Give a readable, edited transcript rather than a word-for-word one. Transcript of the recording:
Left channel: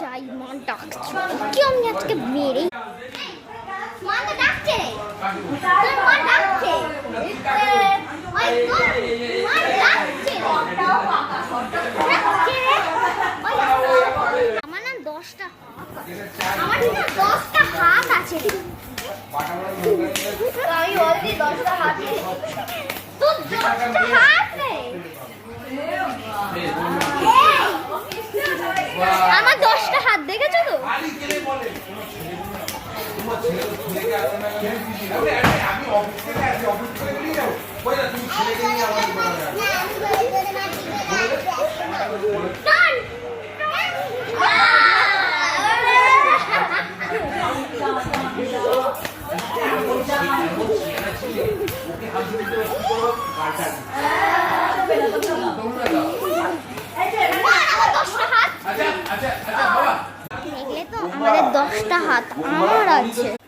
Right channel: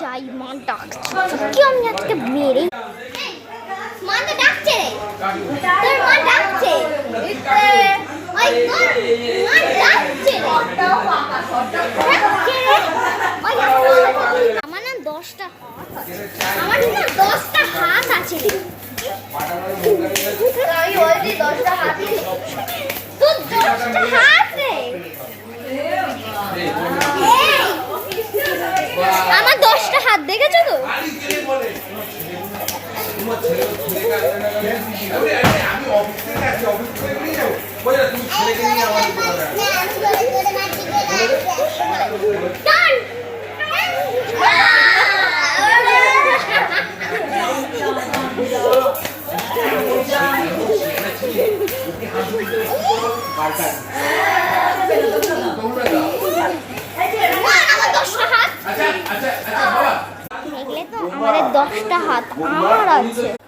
যাই, মা ডাকছে, কি আমি আজকে মেরেই মা তো ডাকছে রে, তোর মা ডাকছে, ওই তোর মা ডাকছে রে, ডাকছে রে, ওই আমার না 10টা হাত আছে, আমার না 10টা হাত আছে, আমি বলছি 10টা হাত, তোর 10টা হাত রে, আমার 10টা হাত দেখেছো তো? দেখলে তো আমাদের 10টা হাত আমার আছে।